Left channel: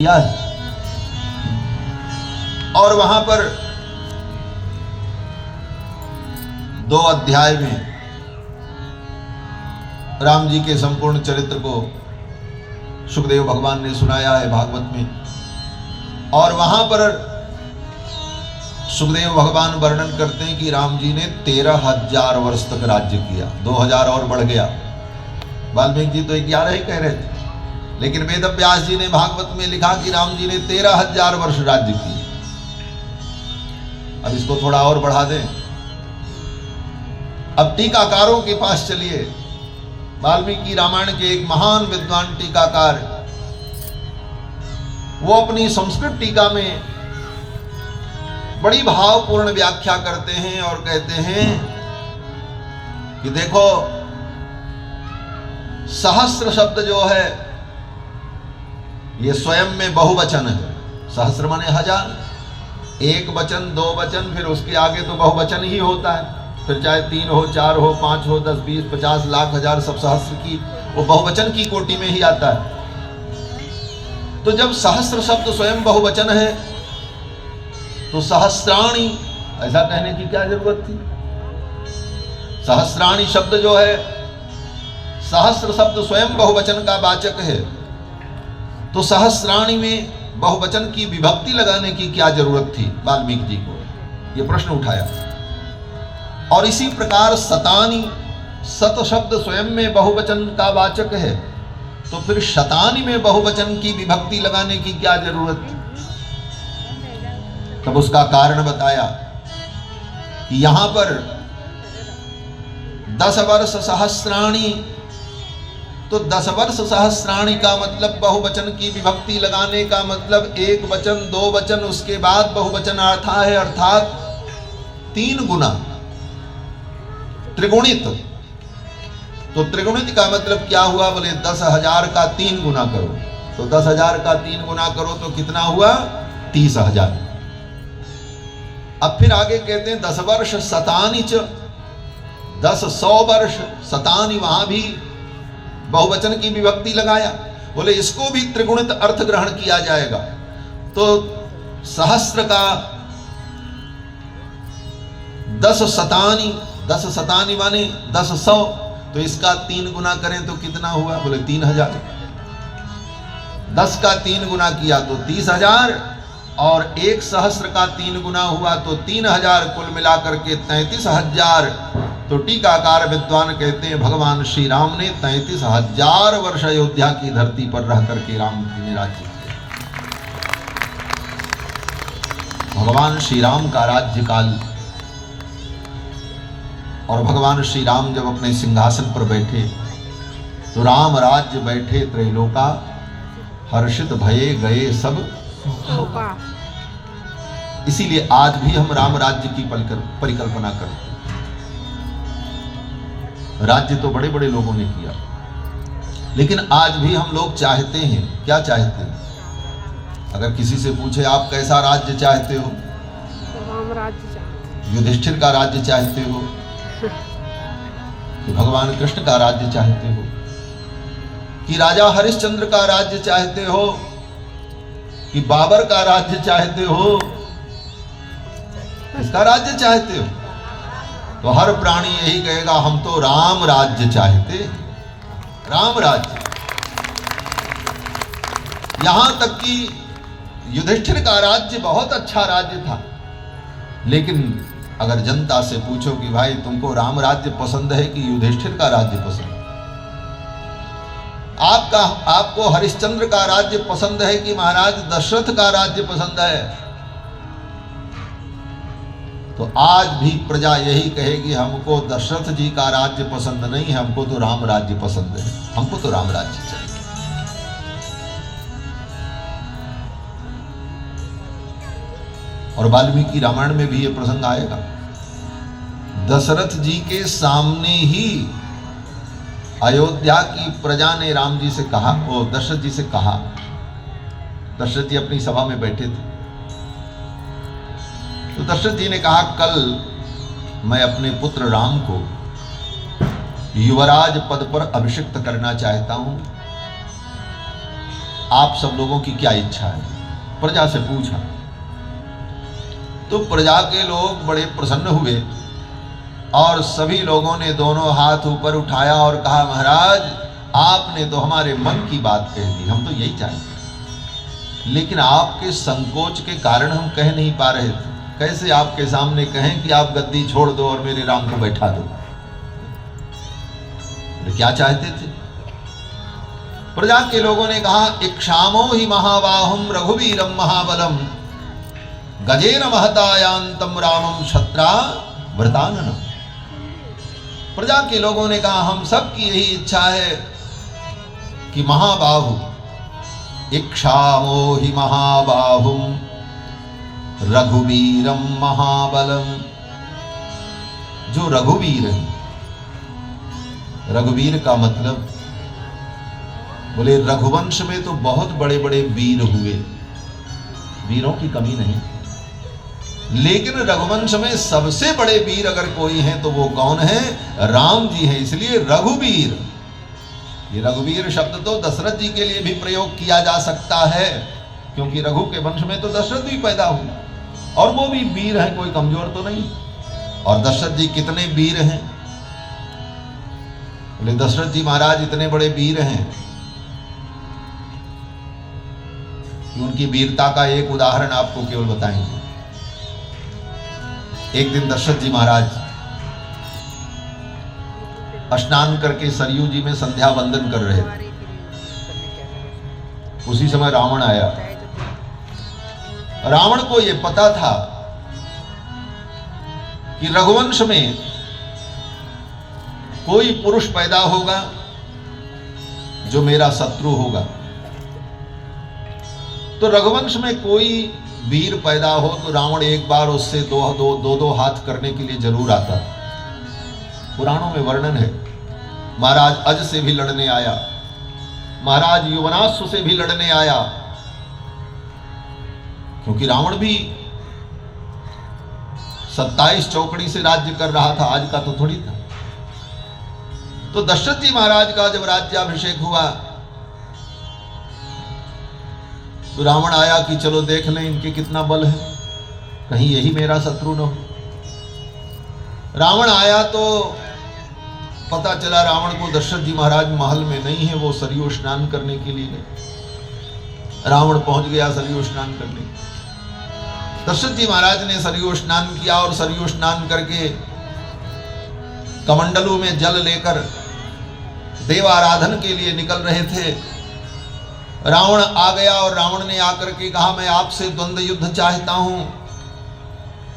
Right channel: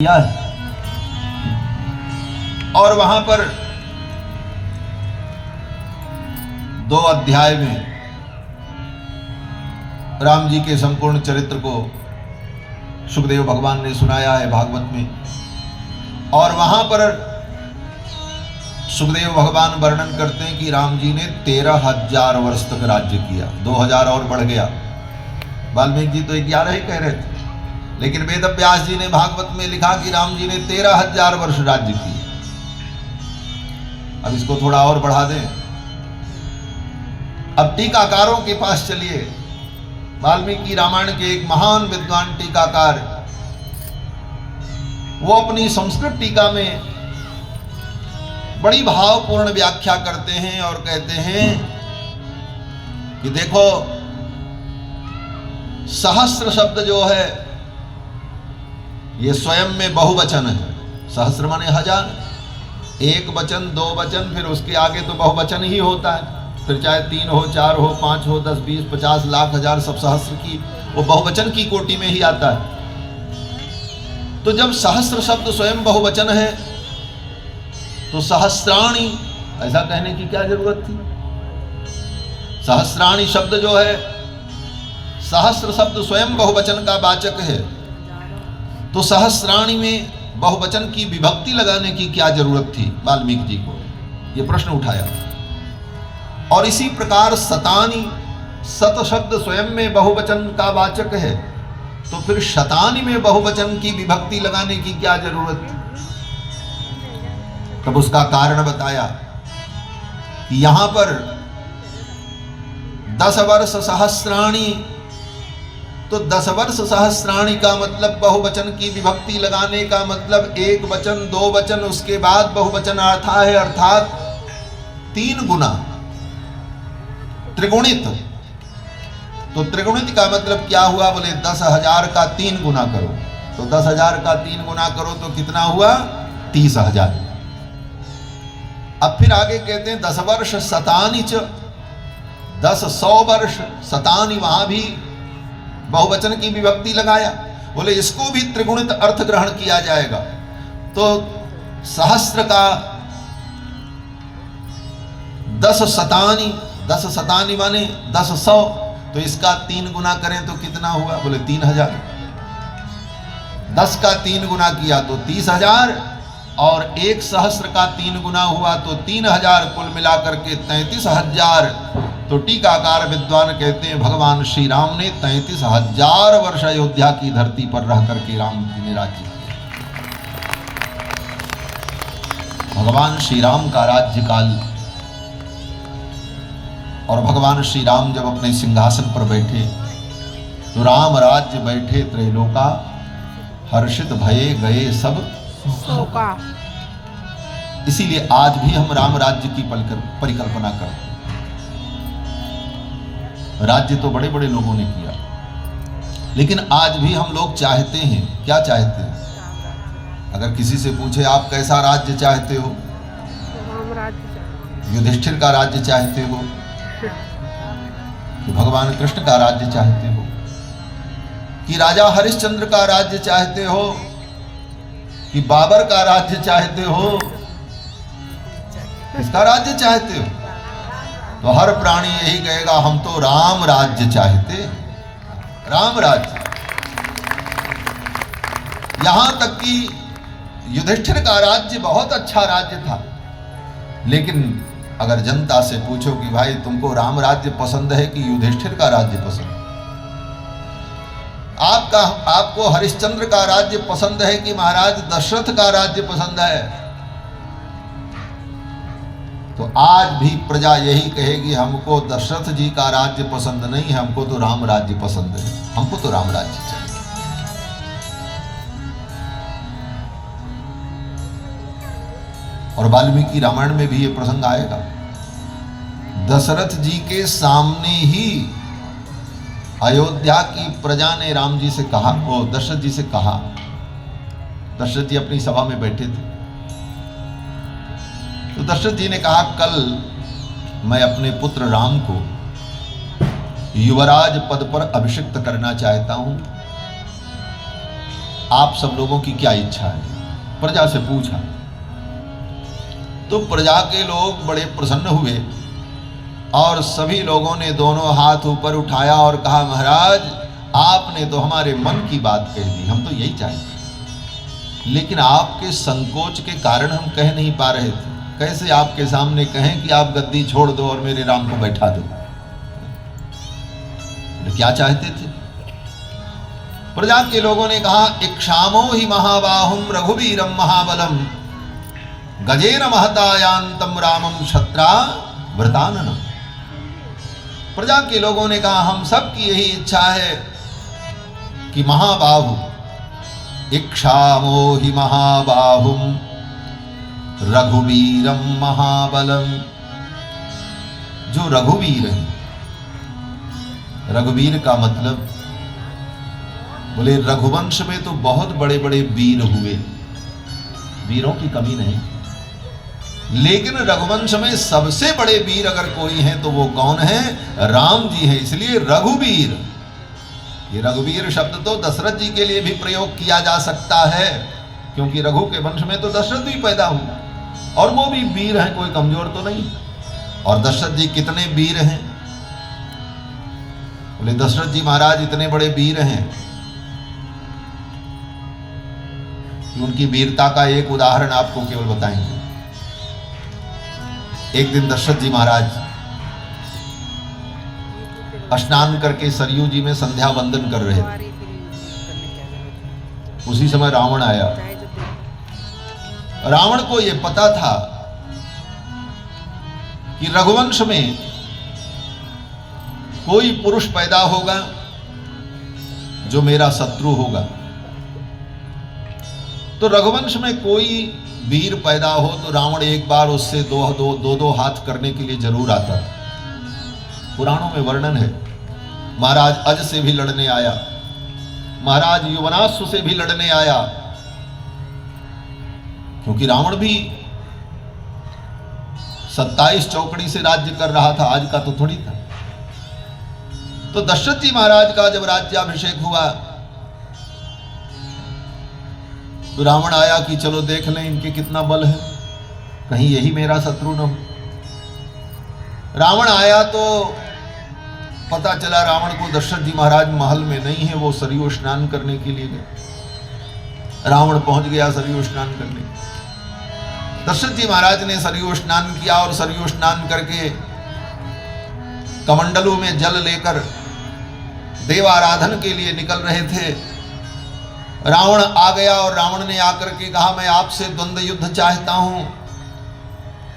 किया है। और वहां पर 2 अध्याय में राम जी के संपूर्ण चरित्र को सुखदेव भगवान ने सुनाया है भागवत में। और वहां पर सुखदेव भगवान वर्णन करते हैं कि राम जी ने 13,000 वर्ष तक राज्य किया। 2,000 और बढ़ गया। वाल्मीकि जी तो 11 ही कह रहे थे, लेकिन वेद व्यास जी ने भागवत में लिखा कि राम जी ने 13,000 वर्ष राज्य किए। अब इसको थोड़ा और बढ़ा दें। अब टीकाकारों के पास चलिए। वाल्मीकि रामायण के एक महान विद्वान टीकाकार, वो अपनी संस्कृत टीका में बड़ी भावपूर्ण व्याख्या करते हैं और कहते हैं कि देखो, सहस्र शब्द जो है ये स्वयं में बहुवचन है। सहस्र माने 1000, एक वचन, 2 वचन, फिर उसके आगे तो बहुवचन ही होता है। फिर चाहे 3 हो, 4 हो, 5 हो, 10, 20, 50, लाख, हजार, सब सहस्र की वो बहुवचन की कोटि में ही आता है। तो जब सहस्र शब्द स्वयं बहुवचन है तो सहस्राणी ऐसा कहने की क्या जरूरत थी? सहस्राणी शब्द जो है, सहस्र शब्द स्वयं बहुवचन का वाचक है, तो सहस्राणी में बहुवचन की विभक्ति लगाने की क्या जरूरत थी वाल्मीकि जी को? ये प्रश्न उठाया। और इसी प्रकार शतानी, सत शब्द स्वयं में बहुवचन का वाचक है, तो फिर शतानी में बहुवचन की विभक्ति लगाने की क्या जरूरत थी? तब उसका कारण बताया कि यहां पर 10 वर्ष सहस्राणी, तो 10 वर्ष सहस्राणी का मतलब बहुवचन की विभक्ति लगाने का मतलब 1 वचन, 2 वचन, उसके बाद बहुवचन आता है, अर्थात 3 गुना, त्रिगुणित। तो त्रिगुणित का मतलब क्या हुआ? बोले 10,000 का 3 गुना करो। तो 10,000 का 3 गुना करो तो कितना हुआ? 30,000। अब फिर आगे कहते हैं 10 वर्ष शतानी च, 10 100 वर्ष, शतानी वहां भी बहुवचन की विभक्ति लगाया। बोले इसको भी त्रिगुणित अर्थ ग्रहण किया जाएगा। तो सहस्र का 10 शतानी, 10 शतानी माने 10 100, तो इसका 3 गुना करें तो कितना हुआ? बोले 3,000। 10 का 3 गुना किया तो 30,000, और 1 सहस्र का 3 गुना हुआ तो 3,000, कुल मिलाकर के 33,000। तो टीकाकार विद्वान कहते हैं भगवान श्री राम ने 33,000 वर्ष अयोध्या की धरती पर रह करके राम जी ने राज्य किया। भगवान श्री राम का राज्य काल, और भगवान श्री राम जब अपने सिंहासन पर बैठे तो राम राज्य बैठे त्रैलोका, हर्षित भये गए सब शोका। इसीलिए आज भी हम राम राज्य की परिकल्पना करते हैं। राज्य तो बड़े बड़े लोगों ने किया, लेकिन आज भी हम लोग चाहते हैं, क्या चाहते हैं? अगर किसी से पूछे आप कैसा राज्य चाहते हो? राम राज्य चाहते। युधिष्ठिर का राज्य चाहते हो कि भगवान कृष्ण का राज्य चाहते हो, कि राजा हरिश्चंद्र का राज्य चाहते हो, कि बाबर का राज्य चाहते हो? किसका राज्य चाहते हो? तो हर प्राणी यही कहेगा हम तो राम राज्य चाहते। राम राज्य। यहां तक कि युधिष्ठिर का राज्य बहुत अच्छा राज्य था, लेकिन अगर जनता से पूछो कि भाई तुमको राम राज्य पसंद है कि युधिष्ठिर का राज्य पसंद है? आपको हरिश्चंद्र का राज्य पसंद है कि महाराज दशरथ का राज्य पसंद है? तो आज भी प्रजा यही कहेगी हमको दशरथ जी का राज्य पसंद नहीं है, हमको तो राम राज्य पसंद है, हमको तो राम राज्य चाहिए। और वाल्मीकि रामायण में भी ये प्रसंग आएगा। दशरथ जी के सामने ही अयोध्या की प्रजा ने राम जी से कहा, वो दशरथ जी से कहा, दशरथ जी अपनी सभा में बैठे थे, तो दशरथ जी ने कहा कल मैं अपने पुत्र राम को युवराज पद पर अभिषिक्त करना चाहता हूं। आप सब लोगों की क्या इच्छा है? प्रजा से पूछा। तो प्रजा के लोग बड़े प्रसन्न हुए और सभी लोगों ने दोनों हाथ ऊपर उठाया और कहा, महाराज आपने तो हमारे मन की बात कह दी, हम तो यही चाहते, लेकिन आपके संकोच के कारण हम कह नहीं पा रहे थे। कैसे आपके सामने कहें कि आप गद्दी छोड़ दो और मेरे राम को बैठा दो? तो क्या चाहते थे? प्रजा के लोगों ने कहा, इक्षामो ही महाबाहुम रघुवीरम महाबलम गजेन महतायांतम रामम क्षत्रा व्रताननम। प्रजा के लोगों ने कहा, हम सब की यही इच्छा है कि महाबाहु, इक्षामो ही महाबाहुम रघुवीरम महाबलम। जो रघुवीर है, रघुवीर का मतलब, बोले रघुवंश में तो बहुत बड़े बड़े वीर हुए, वीरों की कमी नहीं, लेकिन रघुवंश में सबसे बड़े वीर अगर कोई हैं तो वो कौन है? राम जी हैं। इसलिए रघुवीर, ये रघुवीर शब्द तो दशरथ जी के लिए भी प्रयोग किया जा सकता है, क्योंकि रघु के वंश में तो दशरथ भी पैदा हुए और वो भी वीर हैं, कोई कमजोर तो नहीं। और दशरथ जी कितने वीर हैं? बोले दशरथ जी महाराज इतने बड़े वीर हैं कि उनकी वीरता का एक उदाहरण आपको केवल बताएंगे। एक दिन दशरथ जी महाराज स्नान करके सरयू जी में संध्या वंदन कर रहे थे। उसी समय रावण आया। रावण को यह पता था कि रघुवंश में कोई पुरुष पैदा होगा जो मेरा शत्रु होगा। तो रघुवंश में कोई वीर पैदा हो तो रावण एक बार उससे दो हाथ करने के लिए जरूर आता था। पुराणों में वर्णन है, महाराज अज से भी लड़ने आया, महाराज युवनाश्व से भी लड़ने आया, क्योंकि रावण भी 27 चौकड़ी से राज्य कर रहा था, आज का तो थोड़ी था। तो दशरथ जी महाराज का जब राज्याभिषेक हुआ तो रावण आया कि चलो देख लें इनके कितना बल है, कहीं यही मेरा शत्रु न हो। रावण आया तो पता चला रावण को दशरथ जी महाराज महल में नहीं है, वो सरयू स्नान करने के लिए गए। रावण पहुंच गया सरयू स्नान करने। दशरथ जी महाराज ने सरयू स्नान किया और सरयू स्नान करके कमंडलू में जल लेकर देवाराधन के लिए निकल रहे थे। रावण आ गया और रावण ने आकर के कहा, मैं आपसे द्वंद्व युद्ध चाहता हूं,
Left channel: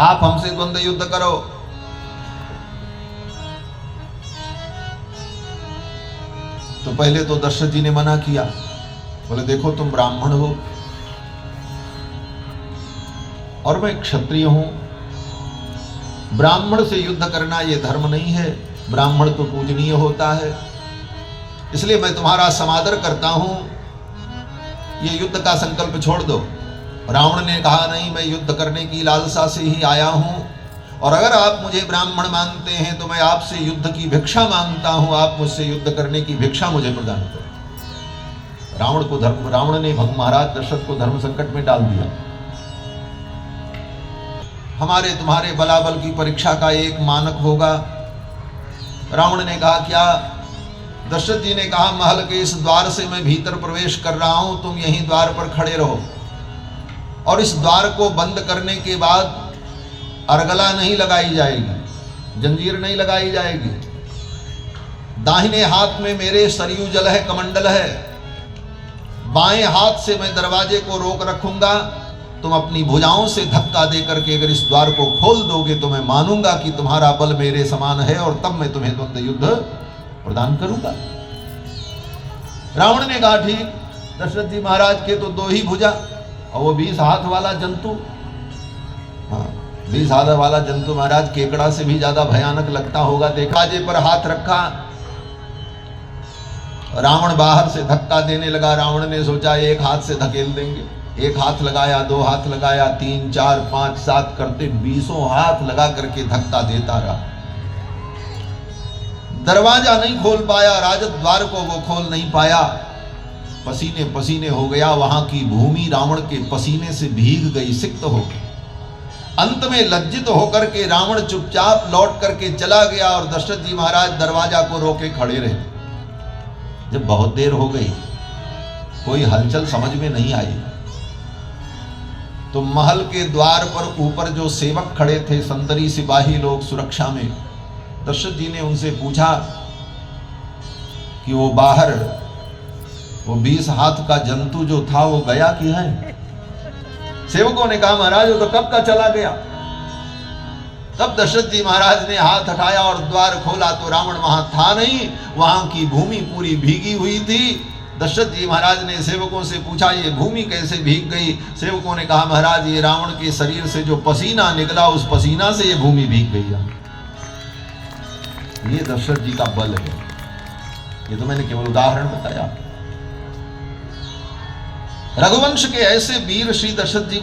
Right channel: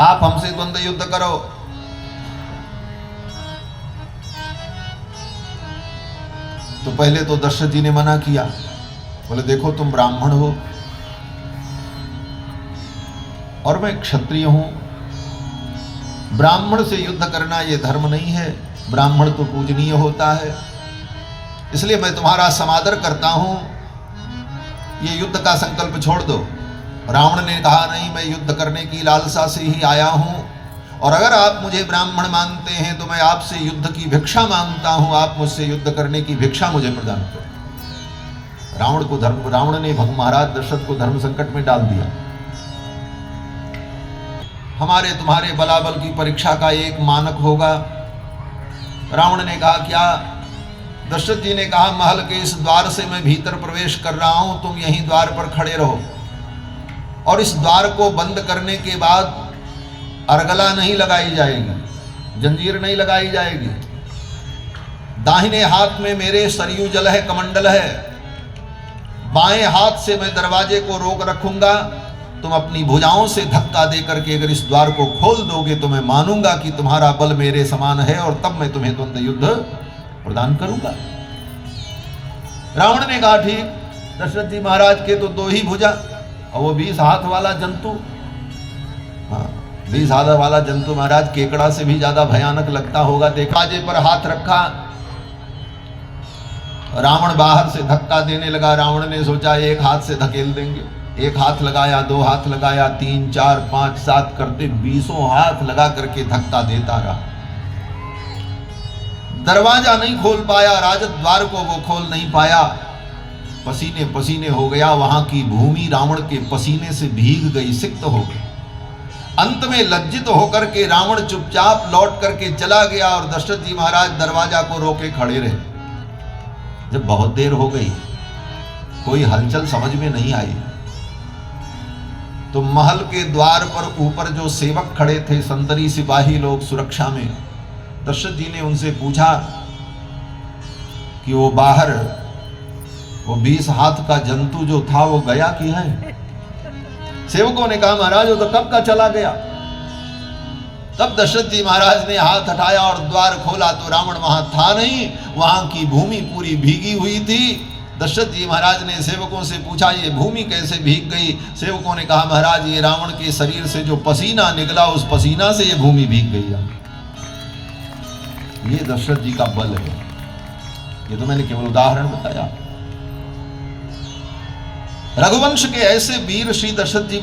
आप हमसे द्वंद्व युद्ध करो। तो पहले तो दशरथ जी ने मना किया, बोले देखो तुम ब्राह्मण हो और मैं क्षत्रिय हूं, ब्राह्मण से युद्ध करना यह धर्म नहीं है, ब्राह्मण तो पूजनीय होता है, इसलिए मैं तुम्हारा समादर करता हूं, ये युद्ध का संकल्प छोड़ दो। रावण ने कहा, नहीं, मैं युद्ध करने की लालसा से ही आया हूं, और अगर आप मुझे ब्राह्मण मानते हैं तो मैं आपसे युद्ध की भिक्षा मांगता हूं, आप मुझसे युद्ध करने की भिक्षा मुझे प्रदान करो। रावण ने महाराज दशरथ को धर्म संकट में डाल दिया। हमारे तुम्हारे बलाबल की परीक्षा का एक मानक होगा। रावण ने कहा, क्या? दशरथ जी ने कहा, महल के इस द्वार से मैं भीतर प्रवेश कर रहा हूं, तुम यहीं द्वार पर खड़े रहो, और इस द्वार को बंद करने के बाद अर्गला नहीं लगाई जाएगी, जंजीर नहीं लगाई जाएगी। दाहिने हाथ में मेरे सरयू जल है, कमंडल है, बाएं हाथ से मैं दरवाजे को रोक रखूंगा, तुम अपनी भुजाओं से धक्का देकर के अगर इस द्वार को खोल दोगे तो मैं मानूंगा कि तुम्हारा बल मेरे समान है, और तब मैं तुम्हें द्वंद्व युद्ध प्रदान करूंगा। रावण ने कहा, ठीक। दशरथ जी महाराज के तो 2 ही भुजा और वो 20 हाथ वाला जंतु, 20 हाथ वाला जंतु महाराज केकड़ा से भी ज्यादा भयानक लगता होगा। दरवाजे पर हाथ रखा, रावण बाहर से धक्का देने लगा। रावण ने सोचा एक हाथ से धकेल देंगे, एक हाथ लगाया, 2 हाथ लगाया, 3, 4, 5, 7 करते 20 हाथ लगा करके धक्का देता रहा। दरवाजा नहीं खोल पाया, राजद्वार को वो खोल नहीं पाया। पसीने पसीने हो गया, वहां की भूमि रावण के पसीने से भीग गई, सिक्त हो गई। अंत में लज्जित होकर के रावण चुपचाप लौट करके चला गया और दशरथ जी महाराज दरवाजा को रोके खड़े रहे। जब बहुत देर हो गई, कोई हलचल समझ में नहीं आई, तो महल के द्वार पर ऊपर जो सेवक खड़े थे, संतरी सिपाही लोग सुरक्षा में, दशरथ जी ने उनसे पूछा कि वो बाहर वो 20 हाथ का जंतु जो था वो गया कि है? सेवकों ने कहा महाराज वो तो कब का चला गया। तब दशरथ जी महाराज ने हाथ हटाया और द्वार खोला तो रावण वहां था नहीं, वहां की भूमि पूरी भीगी हुई थी। दशरथ जी महाराज ने सेवकों से पूछा ये भूमि कैसे भीग गई? सेवकों ने कहा महाराज ये रावण के शरीर से जो पसीना निकला उस पसीना से ये भूमि भीग गई है। ये दशरथ जी का बल है। ये तो मैंने केवल उदाहरण बताया। रघुवंश के ऐसे वीर श्री दशरथ जी